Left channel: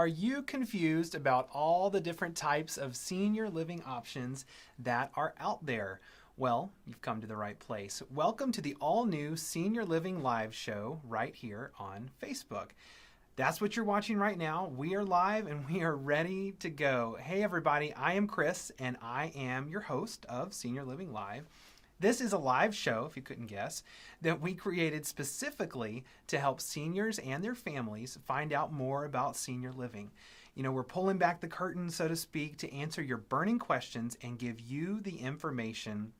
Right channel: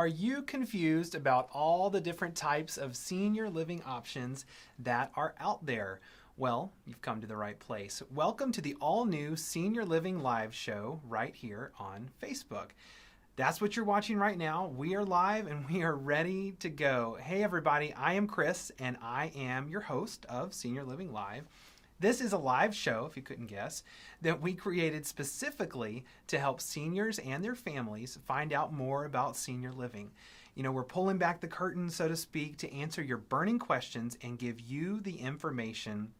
Are you confused about all the different types of senior living options that are out there? Well, you've come to the right place. Welcome to the all-new Senior Living Live show right here on Facebook. That's what you're watching right now. We are live and we are ready to go. Hey everybody, I am Chris and I am your host of Senior Living Live. This is a live show, if you couldn't guess, that we created specifically to help seniors and their families find out more about senior living. You know, we're pulling back the curtain, so to speak, to answer your burning questions and give you the information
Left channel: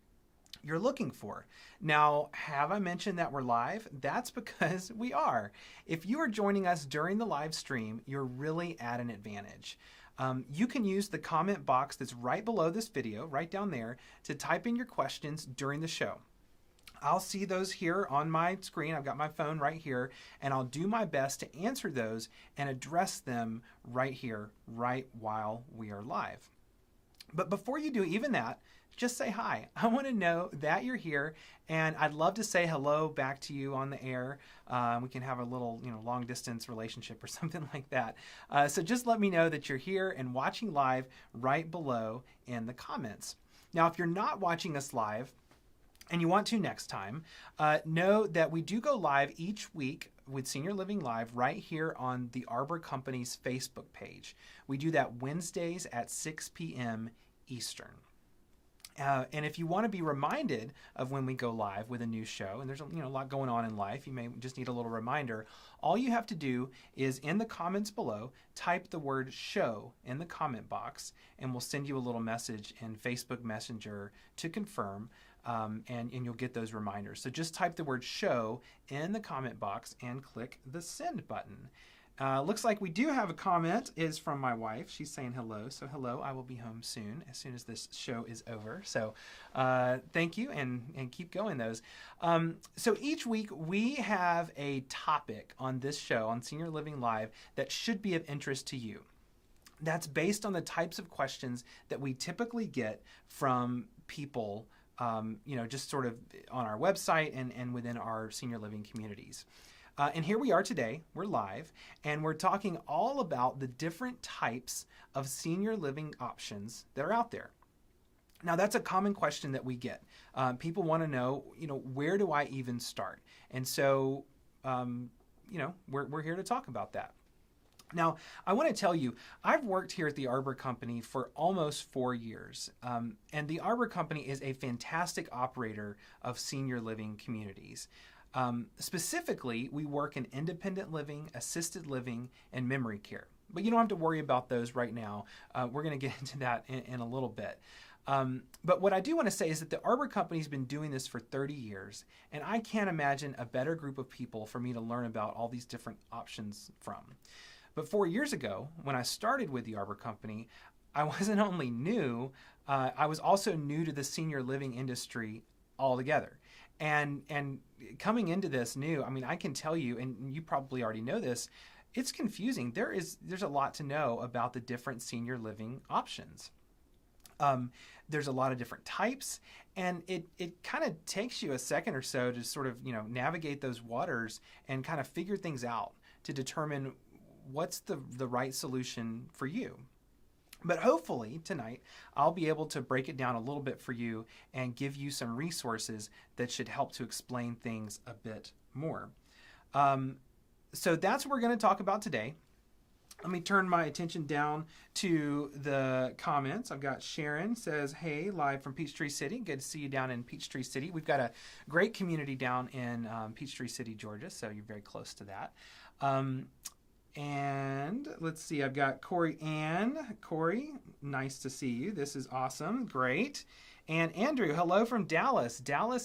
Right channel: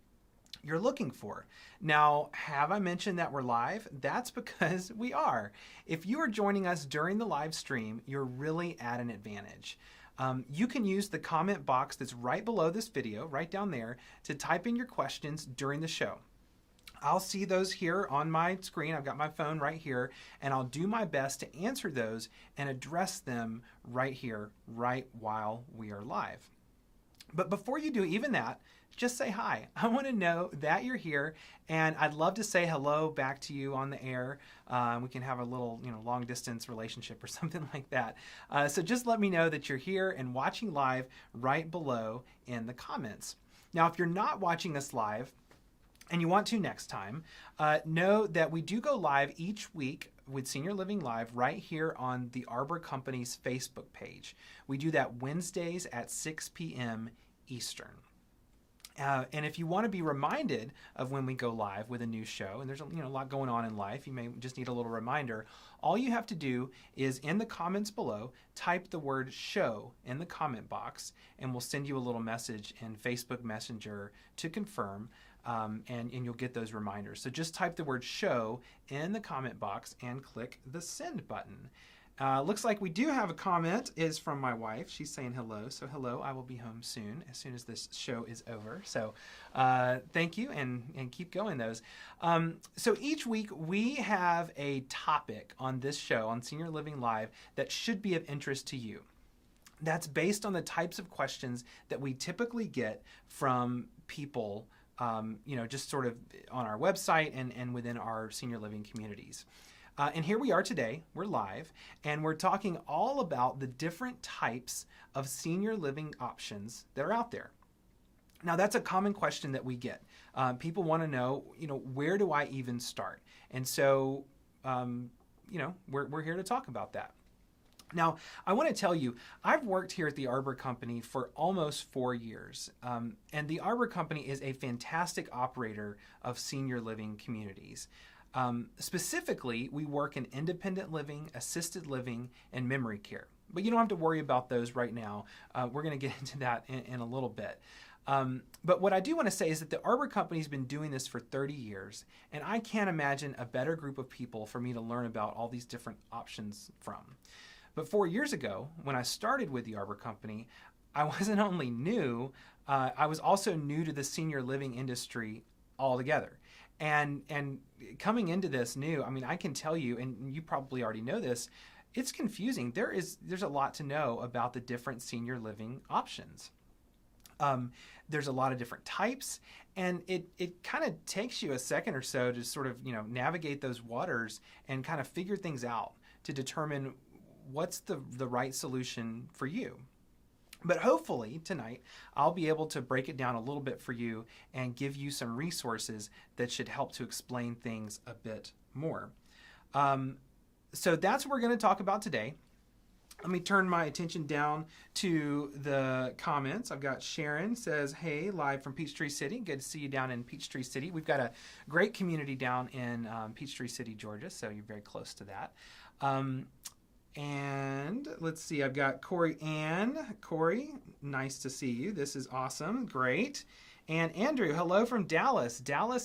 you're looking for. Now, have I mentioned that we're live? That's because we are. If you are joining us during the live stream, you're really at an advantage. You can use the comment box that's right below this video, right down there, to type in your questions during the show. I'll see those here on my screen. I've got my phone right here, and I'll do my best to answer those and address them right here, right while we are live. But before you do even that, just say hi. I want to know that you're here, and I'd love to say hello back to you on the air. We can have a little, long distance relationship or something like that. So just let me know that you're here and watching live right below in the comments. Now, if you're not watching us live and you want to next time, know that we do go live each week with Senior Living Live right here on the Arbor Company's Facebook page. We do that Wednesdays at 6 p.m. Eastern. And if you want to be reminded of when we go live with a new show, and there's a lot going on in life, you may just need a little reminder, all you have to do is in the comments below, type the word show in the comment box, and we'll send you a little message in Facebook Messenger to confirm, and you'll get those reminders. So just type the word show in the comment box and click the send button. Looks like we do have a comment is from my wife. She's saying hello. So hello, I will be home soon as this show is over. So thank you and keep going those. So each week we have a topic on this show on Senior Living Live that should be of interest to you. That's based on the types of questions that we typically get from people just sort of on our website and within our senior living communities. And here we are today, we're live, and we're talking all about the different types of senior living options that are out there. Now, that's a common question that we get. People want to know, where do I even start? And so, we're here to talk about that. Now, I want to tell you, I've worked here at the Arbor Company for almost 4 years, and the Arbor Company is a fantastic operator of senior living communities. Specifically, we work in independent living, assisted living, and memory care. But you don't have to worry about those right now. We're going to get into that in a little bit. But what I do want to say is that the Arbor Company has been doing this for 30 years, and I can't imagine a better group of people for me to learn about all these different options from. But 4 years ago, when I started with the Arbor Company, I wasn't only new, I was also new to the senior living industry altogether. And coming into this new, I can tell you, and you probably already know this, it's confusing. There's a lot to know about the different senior living options. There's a lot of different types, and it kind of takes you a second or so to sort of, navigate those waters and kind of figure things out to determine what's the right solution for you. But hopefully tonight I'll be able to break it down a little bit for you and give you some resources that should help to explain things a bit more. So that's what we're going to talk about today. Let me turn my attention down to the comments. I've got Sharon says, hey, live from Peachtree City. Good to see you down in Peachtree City. We've got a great community down in Peachtree City, Georgia, so you're very close to that. And let's see, I've got Corey Ann. Corey, nice to see you. This is awesome. Great. And Andrew, hello from Dallas,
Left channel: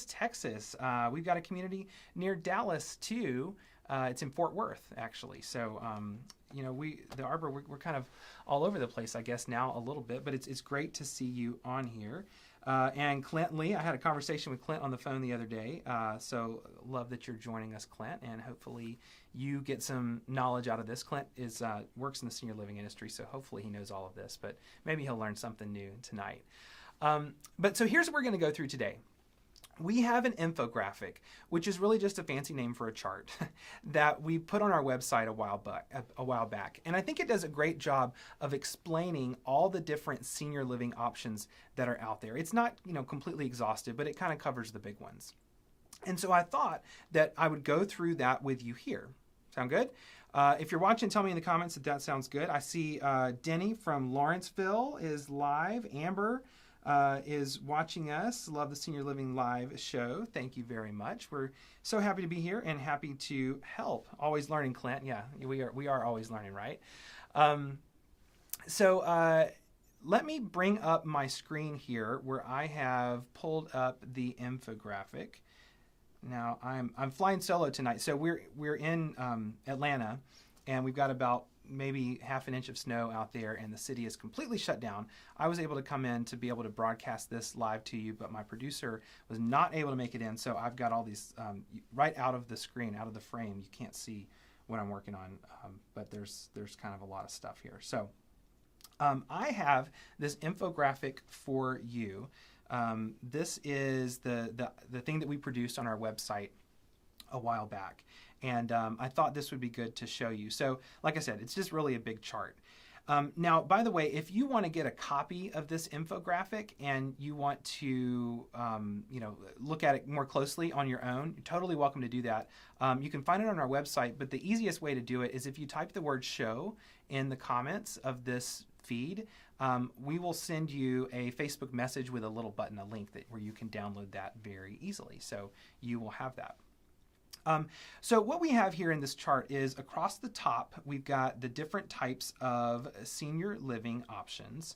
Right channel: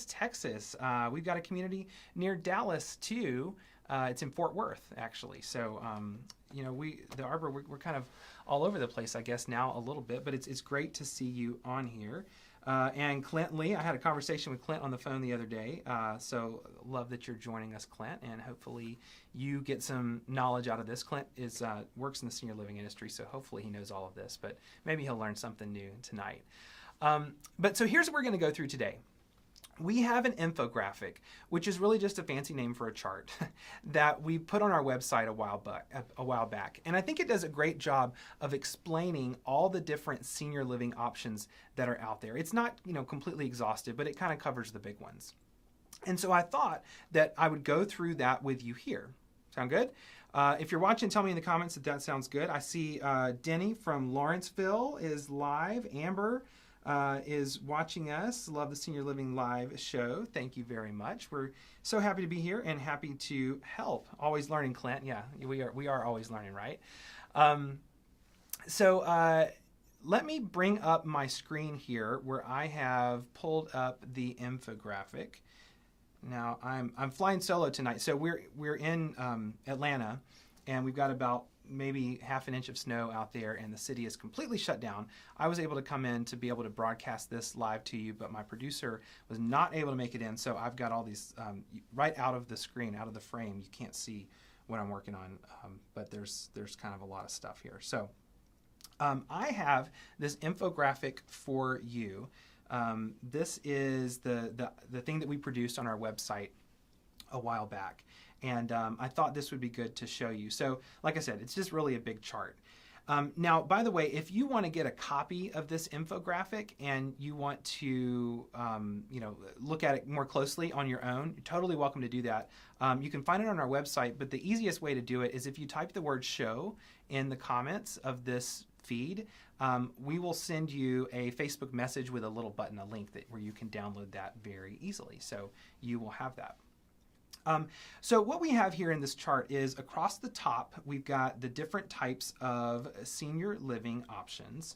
Texas. We've got a community near Dallas, too. It's in Fort Worth, actually. So, the Arbor, we're kind of all over the place, I guess, now a little bit. But it's great to see you on here. And Clint Lee, I had a conversation with Clint on the phone the other day. So love that you're joining us, Clint, and hopefully you get some knowledge out of this. Clint works in the senior living industry, so hopefully he knows all of this, but maybe he'll learn something new tonight. But so here's what we're going to go through today. we have an infographic, which is really just a fancy name for a chart that we put on our website a while back. And I think it does a great job of explaining all the different senior living options that are out there. It's not, completely exhaustive, but it kind of covers the big ones. And so I thought that I would go through that with you here. Sound good? If you're watching, tell me in the comments if that sounds good. I see Denny from Lawrenceville is live. Amber is watching us. Love the Senior Living Live show. Thank you very much. We're so happy to be here and happy to help. Always learning, Clint. Yeah, we are always learning, right? So let me bring up my screen here where I have pulled up the infographic. Now I'm flying solo tonight, so we're in Atlanta, and we've got about maybe half an inch of snow out there, and the city is completely shut down. I was able to come in to be able to broadcast this live to you, but my producer was not able to make it in, so I've got all these right out of the screen, out of the frame. You can't see what I'm working on, but there's kind of a lot of stuff here. So I have this infographic for you. This is the thing that we produced on our website a while back, and I thought this would be good to show you. So like I said, it's just really a big chart. Now, by the way, if you want to get a copy of this infographic and you want to look at it more closely on your own, you're totally welcome to do that. You can find it on our website, but the easiest way to do it is if you type the word show in the comments of this feed. We will send you a Facebook message with a little button, a link where you can download that very easily. So you will have that. So what we have here in this chart is across the top, we've got the different types of senior living options,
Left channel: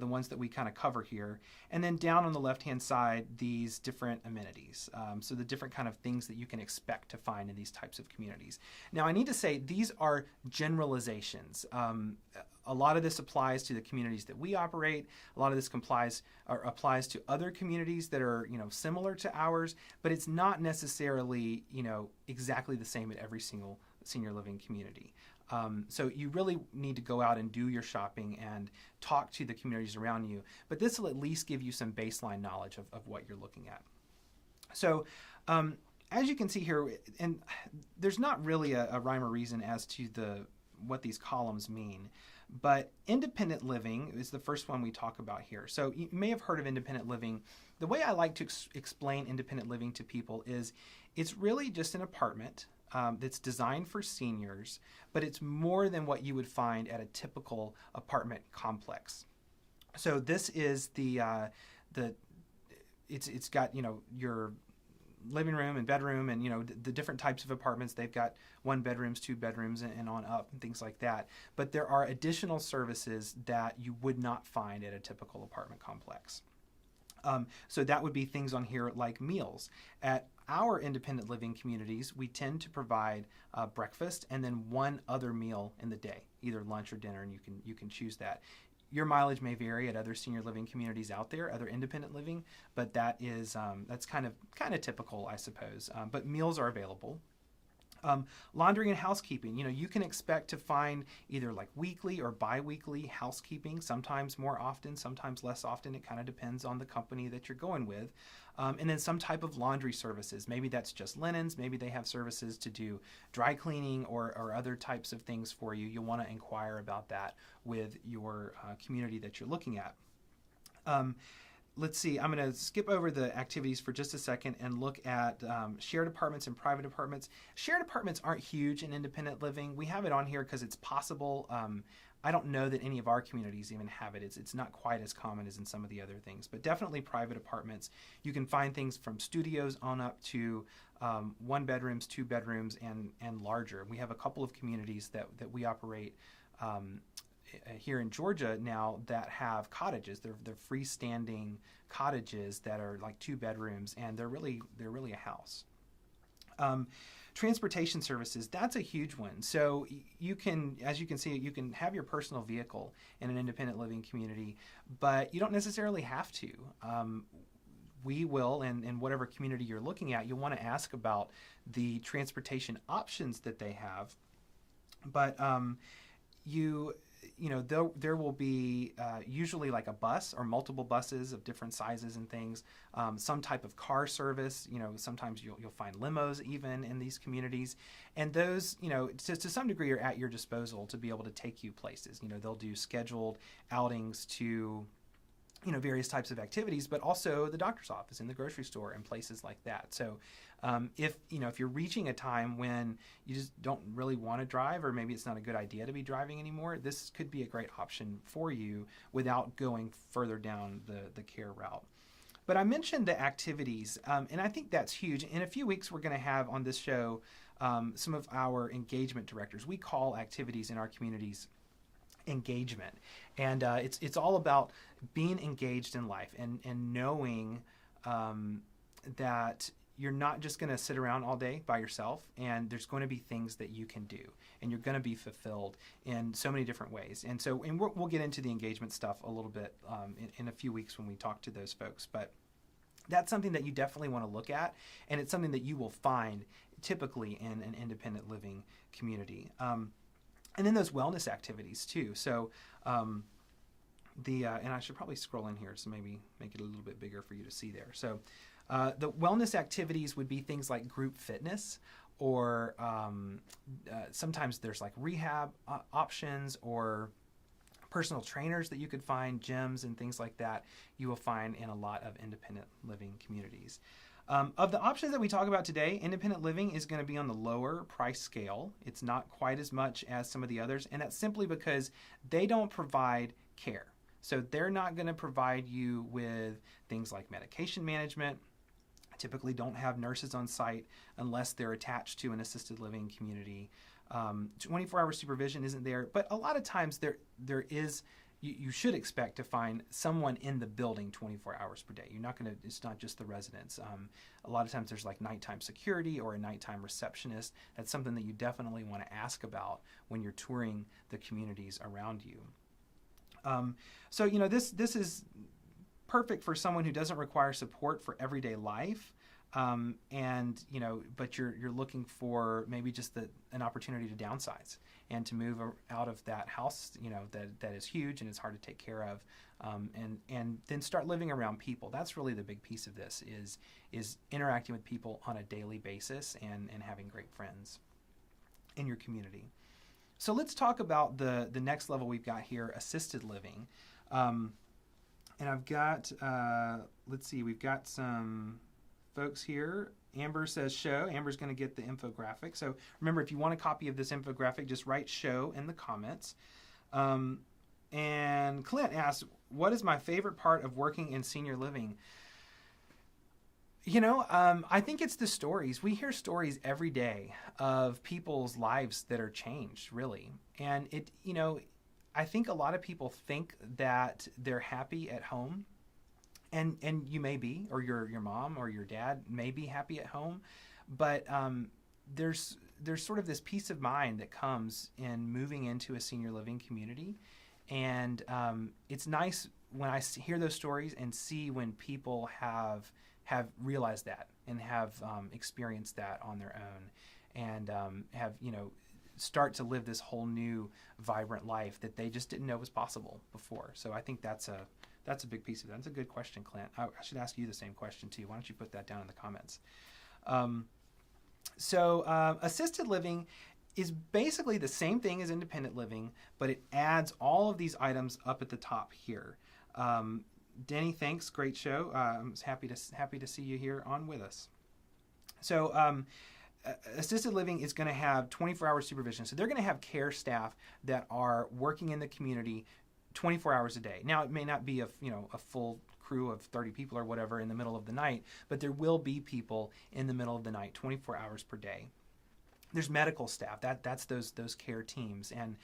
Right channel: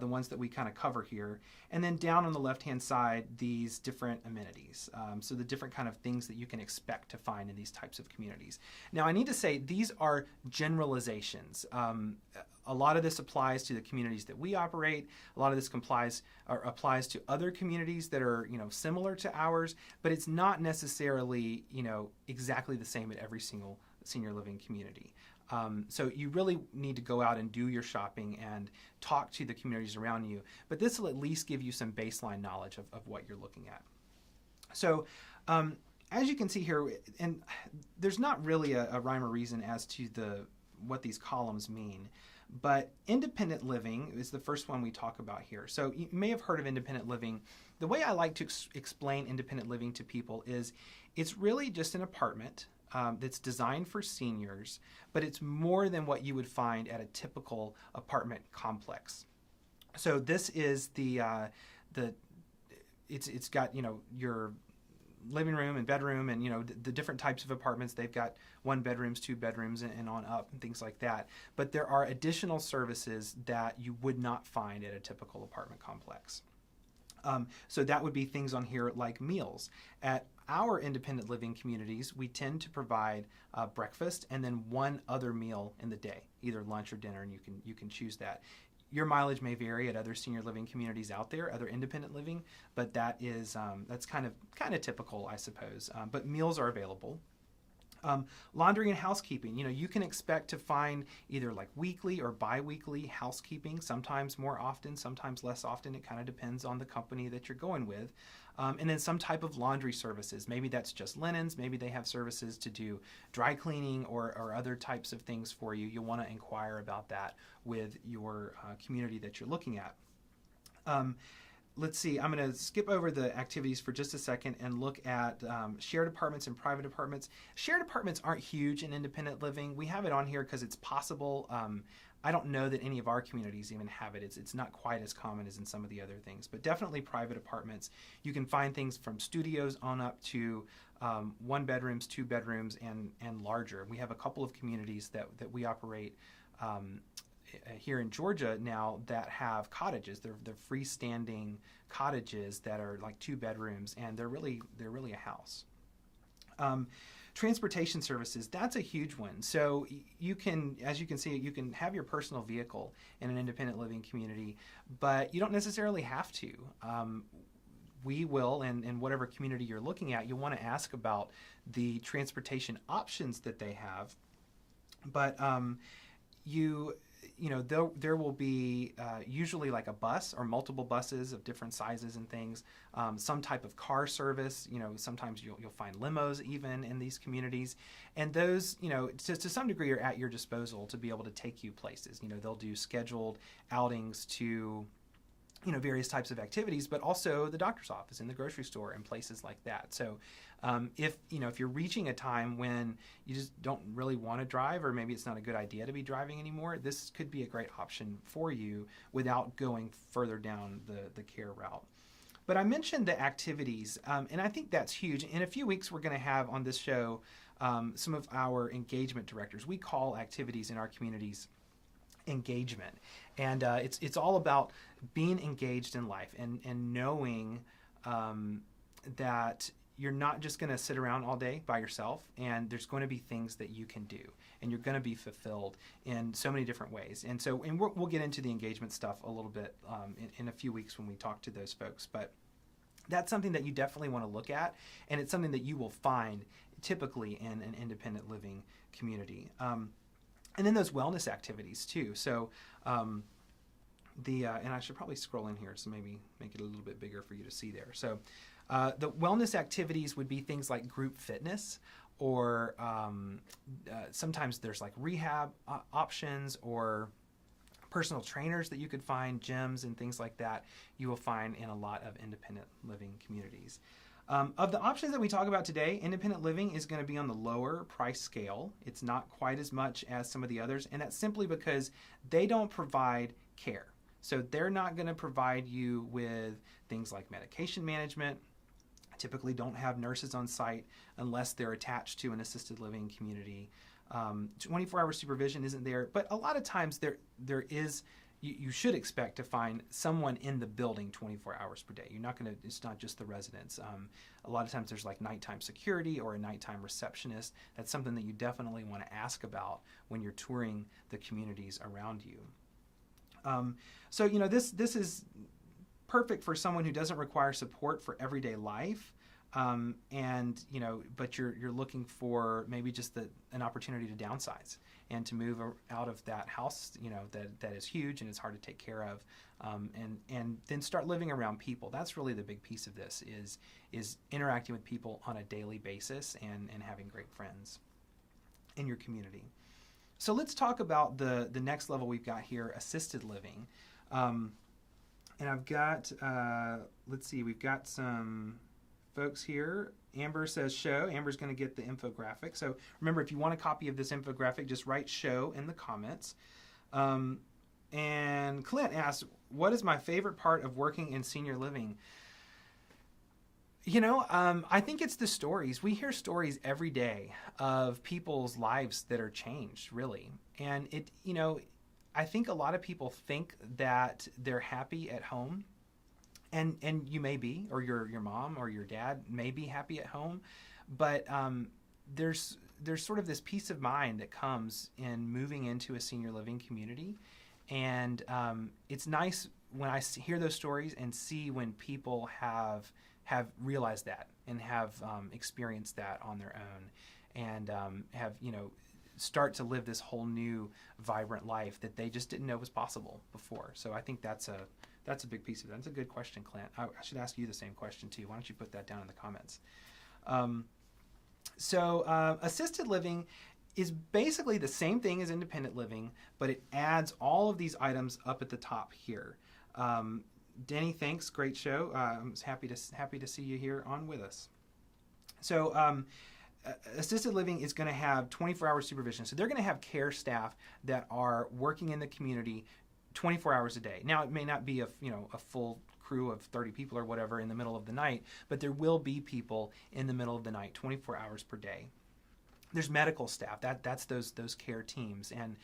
the ones that we kind of cover here. And then down on the left-hand side, these different amenities. So the different kind of things that you can expect to find in these types of communities. Now, I need to say these are generalizations. A lot of this applies to the communities that we operate. A lot of this applies to other communities that are, similar to ours, but it's not necessarily, exactly the same at every single senior living community. So you really need to go out and do your shopping and talk to the communities around you. But this will at least give you some baseline knowledge of what you're looking at. So as you can see here, and there's not really a rhyme or reason as to what these columns mean. But independent living is the first one we talk about here. So you may have heard of independent living. The way I like to explain independent living to people is it's really just an apartment that's designed for seniors, but it's more than what you would find at a typical apartment complex. So this is it's got your living room and bedroom and the different types of apartments. They've got 1 bedrooms, 2 bedrooms, and on up and things like that. But there are additional services that you would not find at a typical apartment complex. So that would be things on here like meals. At our independent living communities, we tend to provide breakfast and then 1 other meal in the day, either lunch or dinner, and you can choose that. Your mileage may vary at other senior living communities out there, other independent living, but that's kind of typical, I suppose. But meals are available. Laundry and housekeeping. You can expect to find either like weekly or bi-weekly housekeeping, sometimes more often, sometimes less often. It kind of depends on the company that you're going with. And then some type of laundry services. Maybe that's just linens. Maybe they have services to do dry cleaning or other types of things for you. You'll want to inquire about that with your community that you're looking at. Let's see, I'm going to skip over the activities for just a second and look at shared apartments and private apartments. Shared apartments aren't huge in independent living. We have it on here because it's possible. I don't know that any of our communities even have it. It's not quite as common as in some of the other things, but definitely private apartments. You can find things from studios on up to 1 bedrooms, 2 bedrooms, and larger. We have a couple of communities that we operate here in Georgia now that have cottages. They're freestanding cottages that are like 2 bedrooms, and they're really a house. Transportation services, that's a huge one. So you can, as you can see, you can have your personal vehicle in an independent living community, but you don't necessarily have to. We will, and in whatever community you're looking at, you'll want to ask about the transportation options that they have. But there will be usually like a bus or multiple buses of different sizes and things, some type of car service. Sometimes you'll find limos even in these communities, and those, to some degree are at your disposal to be able to take you places. They'll do scheduled outings to various types of activities, but also the doctor's office and the grocery store and places like that. So if you're reaching a time when you just don't really want to drive, or maybe it's not a good idea to be driving anymore, this could be a great option for you without going further down the care route. But I mentioned the activities, and I think that's huge. In a few weeks, we're going to have on this show some of our engagement directors. We call activities in our communities engagement, and it's all about being engaged in life and knowing that you're not just going to sit around all day by yourself, and there's going to be things that you can do, and you're going to be fulfilled in so many different ways. And we'll get into the engagement stuff a little bit in a few weeks when we talk to those folks, but that's something that you definitely want to look at, and it's something that you will find typically in an independent living community. And then those wellness activities too. So and I should probably scroll in here to maybe make it a little bit bigger for you to see there. So the wellness activities would be things like group fitness, or sometimes there's like rehab options, or personal trainers that you could find, gyms and things like that you will find in a lot of independent living communities. Of the options that we talk about today, independent living is going to be on the lower price scale. It's not quite as much as some of the others, and that's simply because they don't provide care. So they're not going to provide you with things like medication management, typically don't have nurses on site unless they're attached to an assisted living community. 24-hour supervision isn't there, but a lot of times there is. You should expect to find someone in the building 24 hours per day. It's not just the residents. A lot of times there's like nighttime security or a nighttime receptionist. That's something that you definitely want to ask about when you're touring the communities around you. So this is perfect for someone who doesn't require support for everyday life. But you're looking for maybe just an opportunity to downsize and to move out of that house, that is huge and is hard to take care of, and then start living around people. That's really the big piece of this is interacting with people on a daily basis and having great friends in your community. So let's talk about the next level we've got here, assisted living. And I've got, we've got some folks here. Amber says show. Amber's going to get the infographic. So remember, if you want a copy of this infographic, just write show in the comments. And Clint asks, what is my favorite part of working in senior living? I think it's the stories. We hear stories every day of people's lives that are changed, really. And I think a lot of people think that they're happy at home. And you may be, or your mom or your dad may be happy at home, but there's sort of this peace of mind that comes in moving into a senior living community, and it's nice when I hear those stories and see when people have realized that and have experienced that on their own, and have start to live this whole new vibrant life that they just didn't know was possible before. So I think that's a big piece of it. That's a good question, Clint. I should ask you the same question, too. Why don't you put that down in the comments? Assisted living is basically the same thing as independent living, but it adds all of these items up at the top here. Denny, thanks. Great show. I'm happy to see you here on with us. So assisted living is going to have 24-hour supervision. So they're going to have care staff that are working in the community 24 hours a day. Now, it may not be a full crew of 30 people or whatever in the middle of the night, but there will be people in the middle of the night, 24 hours per day. There's medical staff. That's those care teams. And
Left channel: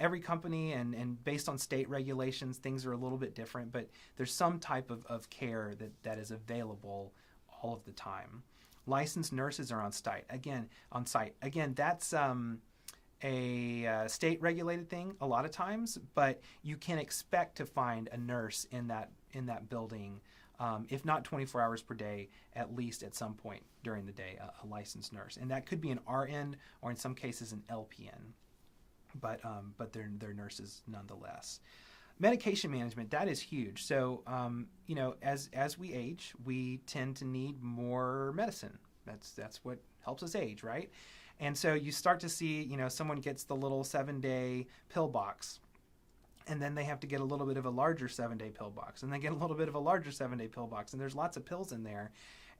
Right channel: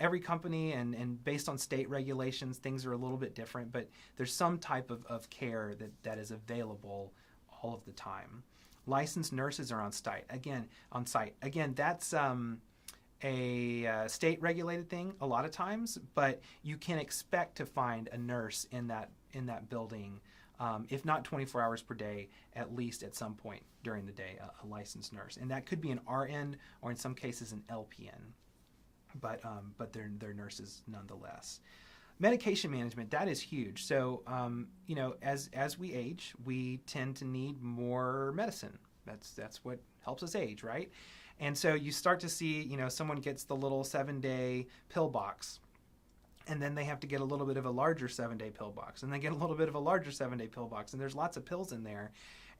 every company and based on state regulations, things are a little bit different, but there's some type of care that is available all of the time. Licensed nurses are on site. Again, that's a state regulated thing a lot of times, but you can expect to find a nurse in that building, if not 24 hours per day, at least at some point during the day, a licensed nurse. And that could be an RN or in some cases an LPN. but they're nurses nonetheless. Medication management, that is huge. So as we age, we tend to need more medicine. That's what helps us age, right? And so you start to see, someone gets the little 7-day pill box, and then they have to get a little bit of a larger 7-day pill box, and they get a little bit of a larger 7-day pill box, and there's lots of pills in there.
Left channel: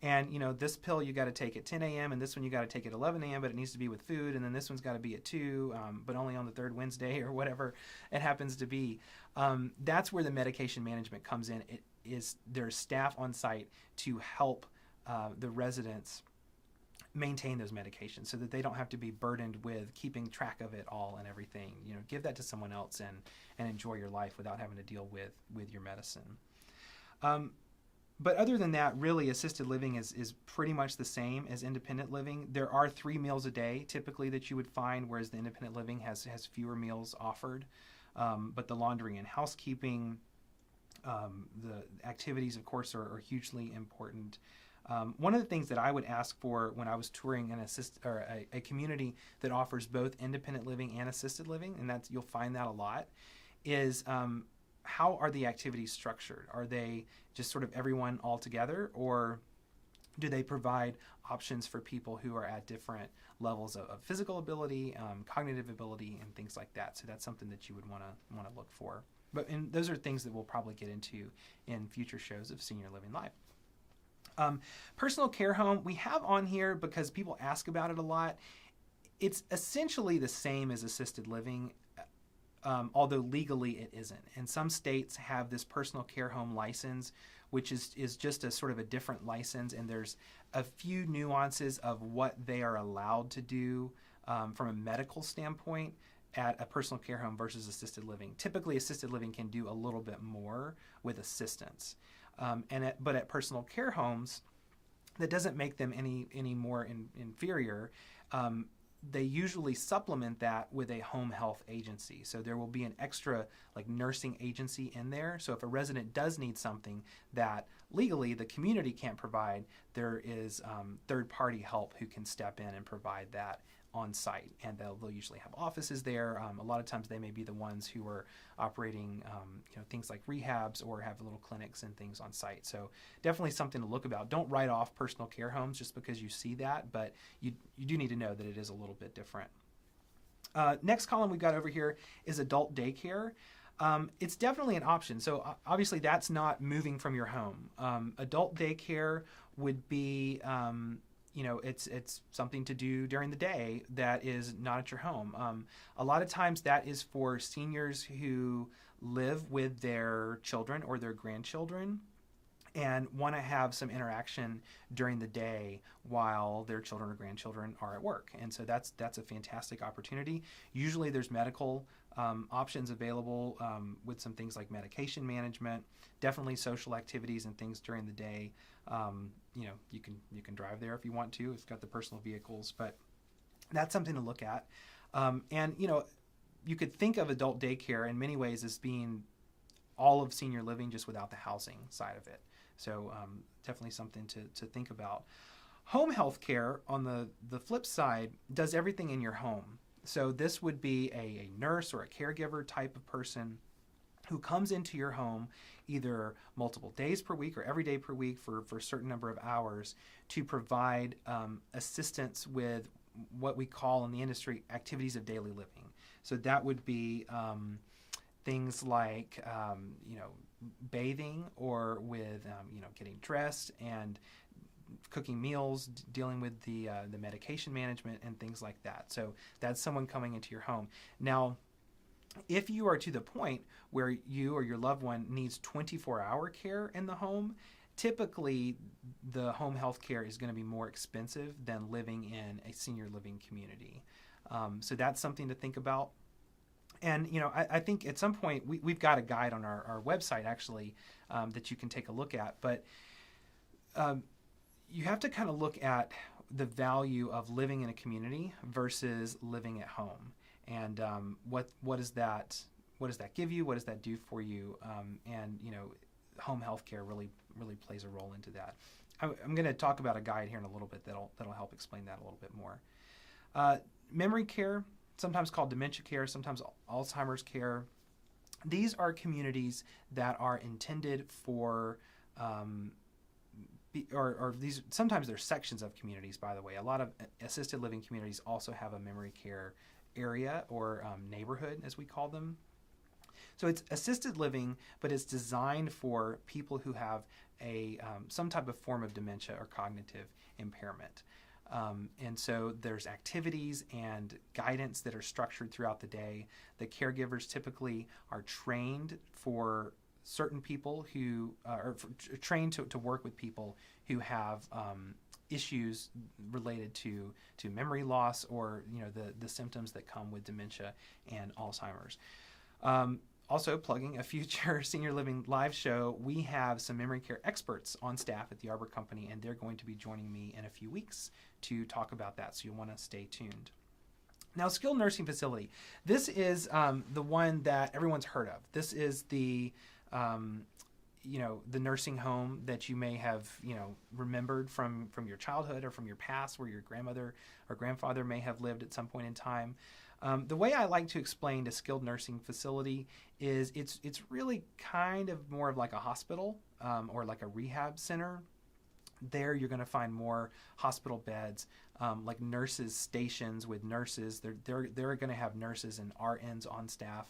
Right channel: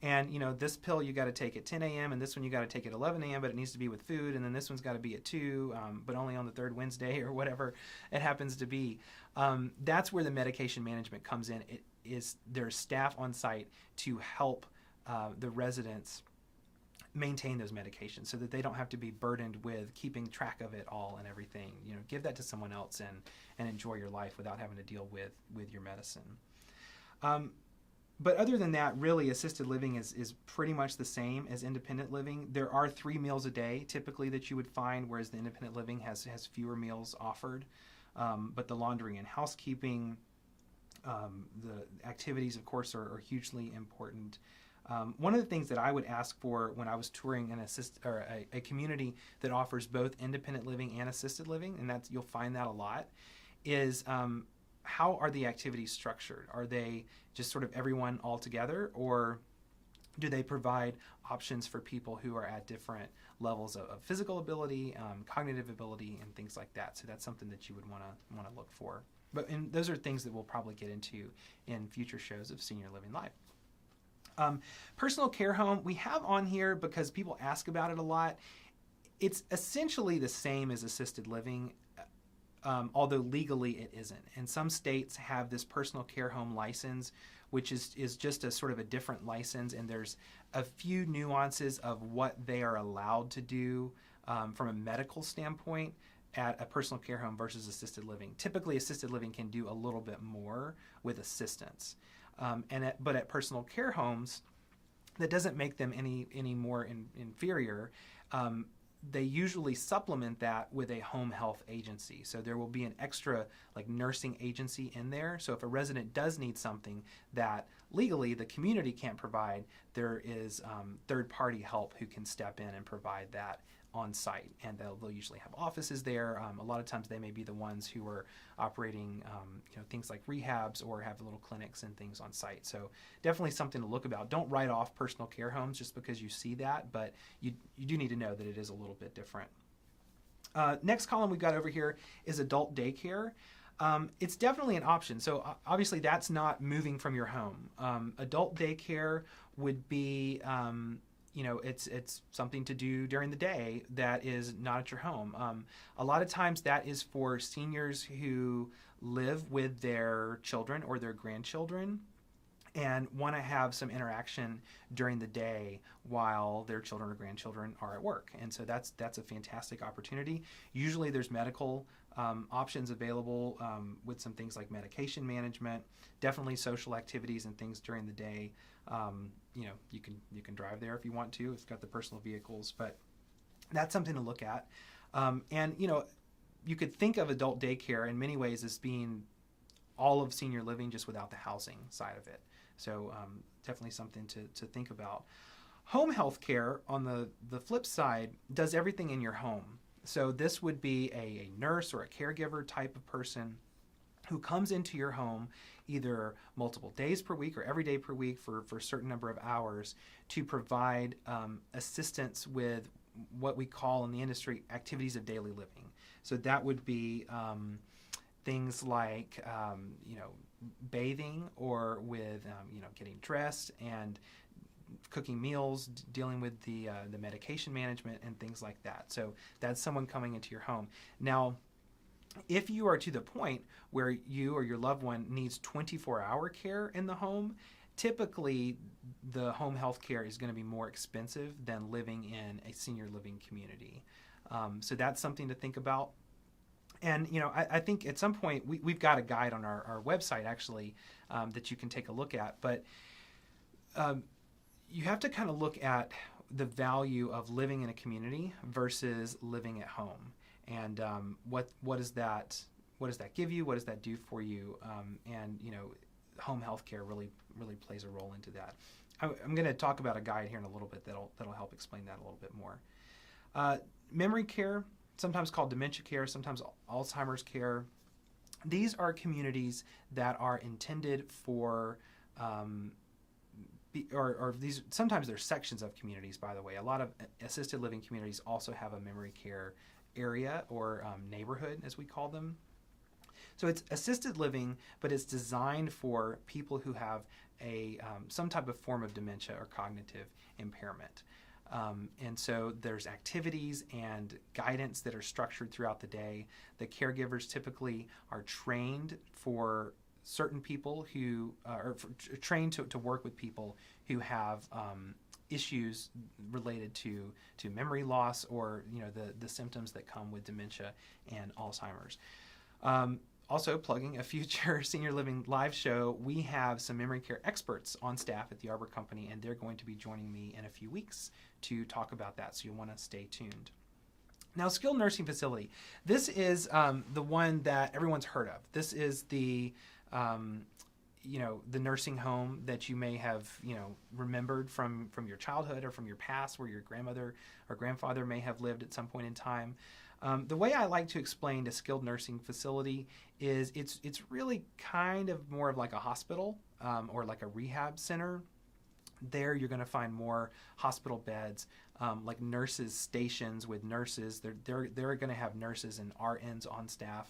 And this pill you got to take at 10 a.m. and this one you got to take at 11 a.m. But it needs to be with food, and then this one's got to be at 2, but only on the third Wednesday or whatever it happens to be. That's where the medication management comes in. There's staff on site to help the residents maintain those medications so that they don't have to be burdened with keeping track of it all and everything. Give that to someone else and enjoy your life without having to deal with your medicine. But other than that, really, assisted living is pretty much the same as independent living. There are 3 meals a day typically that you would find, whereas the independent living has fewer meals offered. But the laundry and housekeeping, the activities, of course, are hugely important. One of the things that I would ask for when I was touring a community that offers both independent living and assisted living, and you'll find that a lot, is how are the activities structured? Are they just sort of everyone all together, or do they provide options for people who are at different levels of physical ability, cognitive ability, and things like that? So that's something that you would want to look for. And those are things that we'll probably get into in future shows of Senior Living Live. Personal care home, we have on here because people ask about it a lot. It's essentially the same as assisted living, although legally it isn't. And some states have this personal care home license, which is just a sort of a different license, and there's a few nuances of what they are allowed to do from a medical standpoint at a personal care home versus assisted living. Typically, assisted living can do a little bit more with assistance. But at personal care homes, that doesn't make them any more inferior. They usually supplement that with a home health agency. So there will be an extra nursing agency in there. So if a resident does need something that legally the community can't provide, there is third-party help who can step in and provide that on site. And they'll usually have offices there. A lot of times they may be the ones who are operating things like rehabs or have little clinics and things on site. So definitely something to look about. Don't write off personal care homes just because you see that, but you do need to know that it is a little bit different. Next column we've got over here is adult daycare. It's definitely an option. So obviously that's not moving from your home. Adult daycare would be it's something to do during the day that is not at your home. A lot of times that is for seniors who live with their children or their grandchildren and want to have some interaction during the day while their children or grandchildren are at work. And so that's a fantastic opportunity. Usually there's medical options available with some things like medication management, definitely social activities and things during the day. You can drive there if you want to. It's got the personal vehicles, but that's something to look at. And you could think of adult daycare in many ways as being all of senior living just without the housing side of it. So definitely something to think about. Home health care, on the flip side, does everything in your home. So this would be a nurse or a caregiver type of person who comes into your home either multiple days per week or every day per week for a certain number of hours to provide assistance with what we call in the industry activities of daily living. So that would be things like bathing, or with getting dressed and cooking meals, dealing with the medication management and things like that. So that's someone coming into your home. Now, if you are to the point where you or your loved one needs 24-hour care in the home, typically the home health care is going to be more expensive than living in a senior living community. So that's something to think about. And, I think at some point we've got a guide on our website, actually, that you can take a look at. But you have to kind of look at the value of living in a community versus living at home. And what does that give you? What does that do for you? And home health care really plays a role into that. I'm going to talk about a guide here in a little bit that'll help explain that a little bit more. Memory care. sometimes called dementia care, sometimes Alzheimer's care. These are communities that are intended for, or these, sometimes they're sections of communities, by the way. A lot of assisted living communities also have a memory care area, or neighborhood, as we call them. So it's assisted living, but it's designed for people who have some type of form of dementia or cognitive impairment. And so there's activities and guidance that are structured throughout the day. The caregivers typically are trained for certain people who are trained to work with people who have issues related to memory loss, or the symptoms that come with dementia and Alzheimer's. Also, plugging a future Senior Living live show, we have some memory care experts on staff at the Arbor Company, and they're going to be joining me in a few weeks to talk about that, so you'll want to stay tuned. Now, skilled nursing facility. This is the one that everyone's heard of. This is the the nursing home that you may have remembered from your childhood or from your past, where your grandmother or grandfather may have lived at some point in time. The way I like to explain a skilled nursing facility is it's really kind of more of like a hospital, or like a rehab center. There you're going to find more hospital beds, like nurses stations with nurses. They're going to have nurses and RNs on staff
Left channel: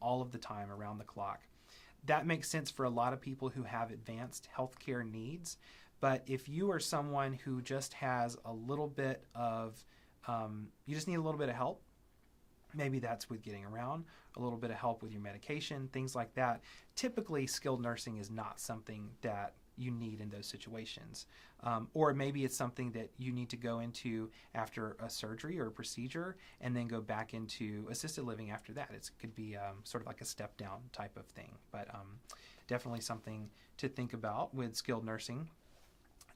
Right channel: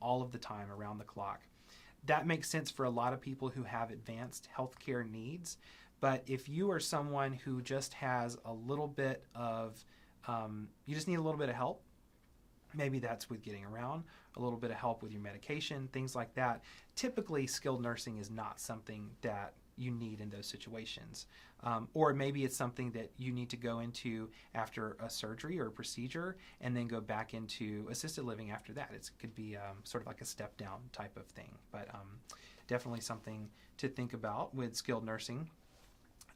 all of the time, around the clock. That makes sense for a lot of people who have advanced healthcare needs. But if you are someone who just has a little bit of, you just need a little bit of help, maybe that's with getting around, a little bit of help with your medication, things like that. Typically, skilled nursing is not something that you need in those situations. Or maybe it's something that you need to go into after a surgery or a procedure, and then go back into assisted living after that. It could be sort of like a step down type of thing, but definitely something to think about with skilled nursing.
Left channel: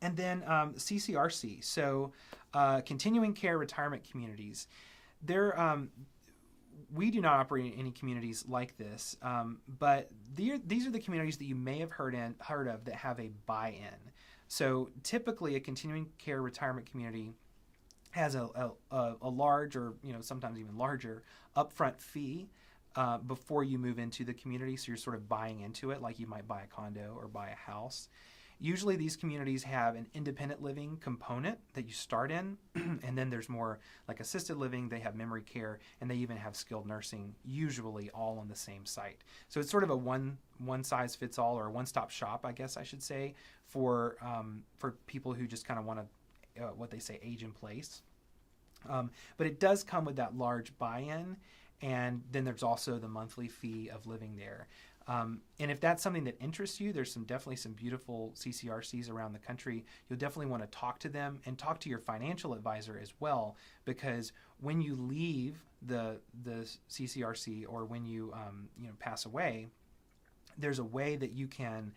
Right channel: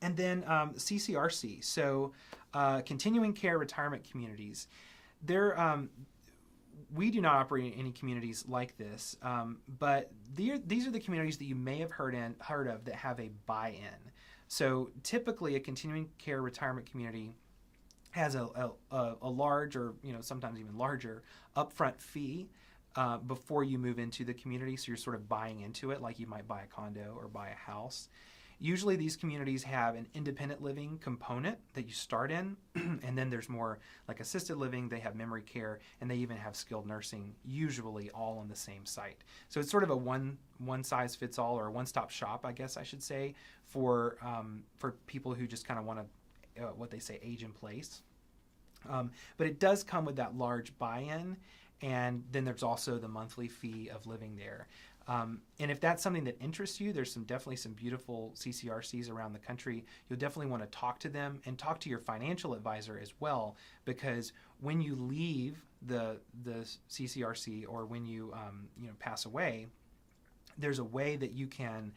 And then CCRC, so continuing care retirement communities. We do not operate in any communities like this, but these are the communities that you may have heard of that have a buy-in. So typically, a continuing care retirement community has a large, or sometimes even larger, upfront fee before you move into the community. So you're sort of buying into it, like you might buy a condo or buy a house. Usually these communities have an independent living component that you start in, and then there's more like assisted living, they have memory care, and they even have skilled nursing, usually all on the same site. So it's sort of a one size fits all, or a one-stop shop, I guess I should say, for people who just kind of want to, what they say, age in place. But it does come with that large buy-in, and then there's also the monthly fee of living there. And if that's something that interests you, there's definitely some beautiful CCRCs around the country. You'll definitely want to talk to them, and talk to your financial advisor as well, because when you leave the CCRC, or when you pass away, there's a way that you can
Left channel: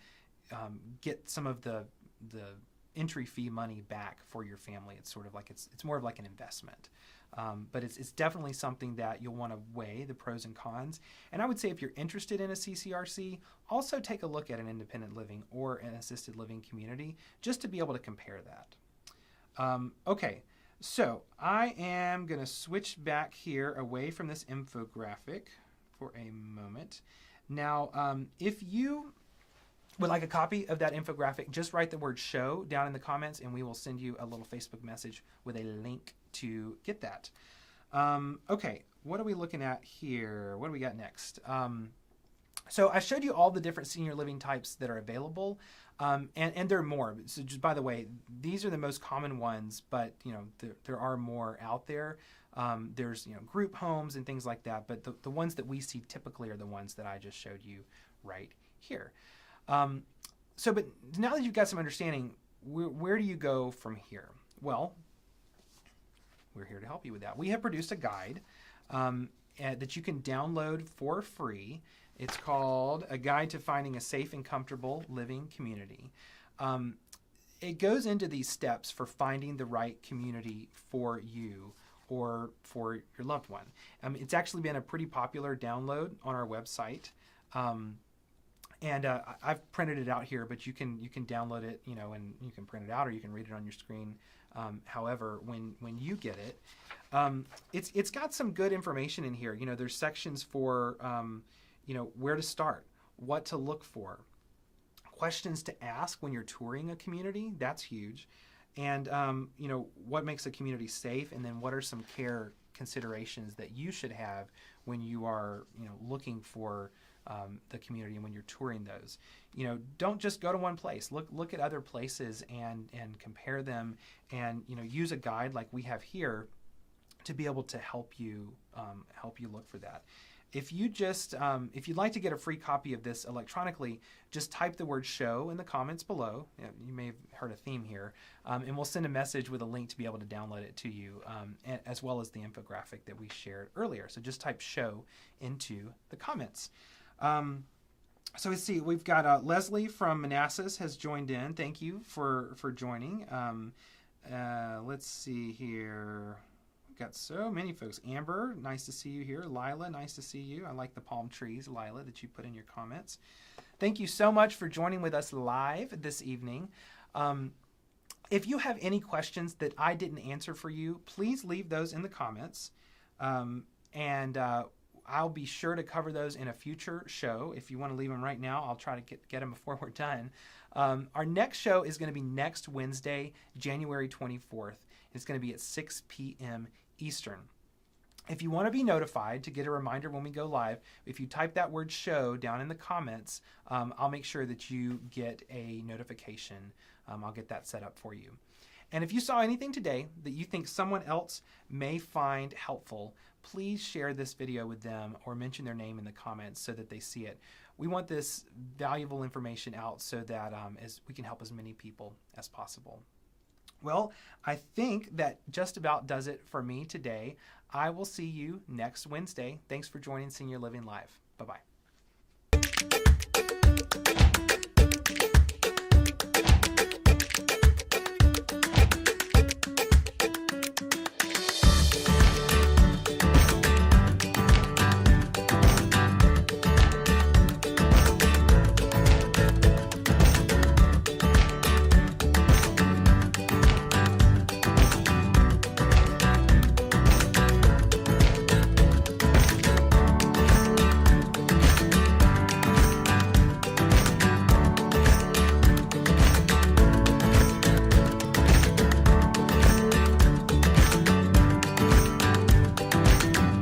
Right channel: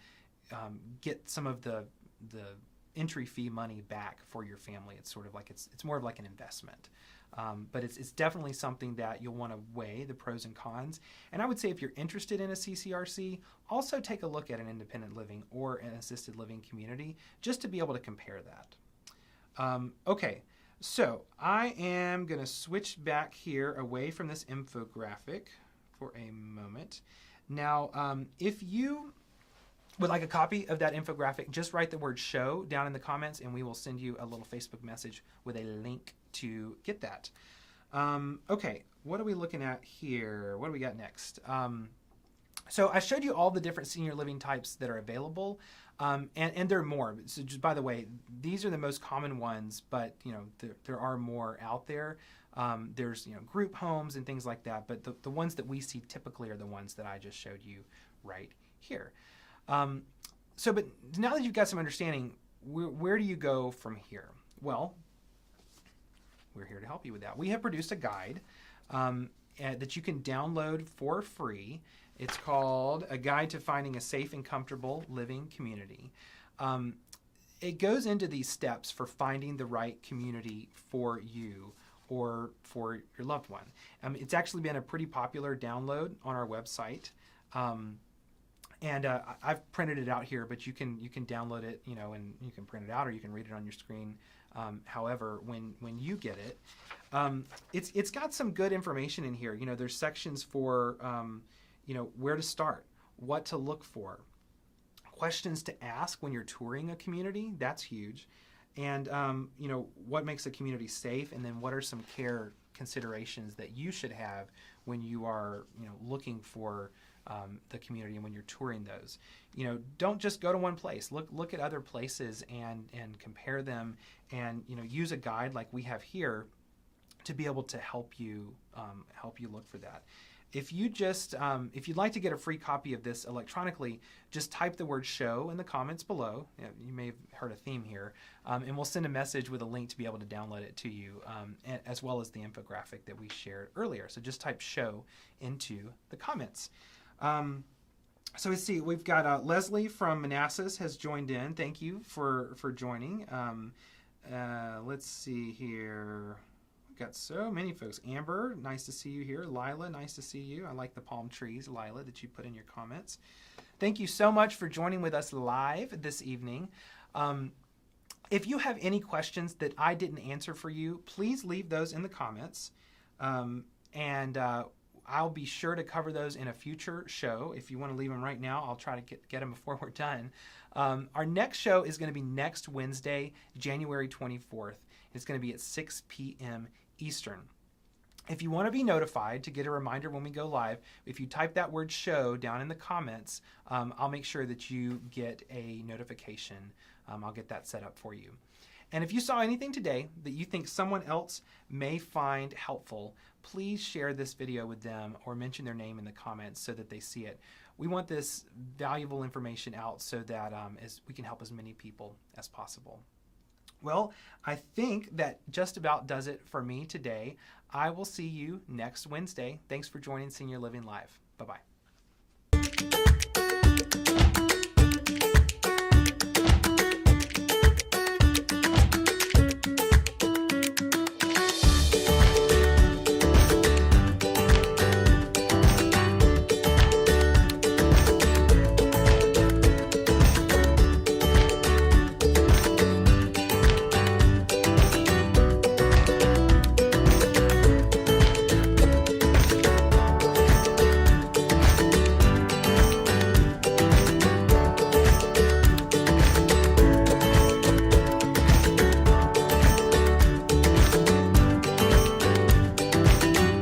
get some of the entry fee money back for your family. It's sort of like it's more of like an investment. But it's definitely something that you'll want to weigh the pros and cons. And I would say, if you're interested in a CCRC, also take a look at an independent living or an assisted living community, just to be able to compare that. Okay, so I am going to switch back here away from this infographic for a moment. Now, if you would like a copy of that infographic, just write the word show down in the comments, and we will send you a little Facebook message with a link to get that. Okay, what are we looking at here? What do we got next? So I showed you all the different senior living types that are available, and there are more. So just, by the way, these are the most common ones, but there are more out there. There's group homes and things like that, but the ones that we see typically are the ones that I just showed you right here. But now that you've got some understanding, where do you go from here? Well, we're here to help you with that. We have produced a guide that you can download for free. It's called A Guide to Finding a Safe and Comfortable Living Community. It goes into these steps for finding the right community for you or for your loved one. It's actually been a pretty popular download on our website. And I've printed it out here, but you can download it, and you can print it out or you can read it on your screen. However, when you get it, it's got some good information in here. There's sections for where to start, what to look for, questions to ask when you're touring a community. That's huge. And what makes a community safe, and then what are some care considerations that you should have when you are looking for the community and when you're touring those. Don't just go to one place. Look at other places and compare them, and use a guide like we have here to be able to help you look for that. If you'd like to get a free copy of this electronically, just type the word show in the comments below. You may have heard a theme here, and we'll send a message with a link to be able to download it to you, as well as the infographic that we shared earlier. So just type show into the comments. So let's see, we've got Leslie from Manassas has joined in. Thank you for joining. Let's see here. Got so many folks. Amber, nice to see you here. Lila, nice to see you. I like the palm trees, Lila, that you put in your comments. Thank you so much for joining with us live this evening. If you have any questions that I didn't answer for you, please leave those in the comments. And I'll be sure to cover those in a future show. If you want to leave them right now, I'll try to get them before we're done. Our next show is going to be next Wednesday, January 24th. It's going to be at 6 p.m. Eastern. If you want to be notified to get a reminder when we go live, if you type that word show down in the comments, I'll make sure that you get a notification. I'll get that set up for you. And if you saw anything today that you think someone else may find helpful, please share this video with them or mention their name in the comments so that they see it. We want this valuable information out so that as we can help as many people as possible. Well, I think that just about does it for me today. I will see you next Wednesday. Thanks for joining Senior Living Live. Bye-bye.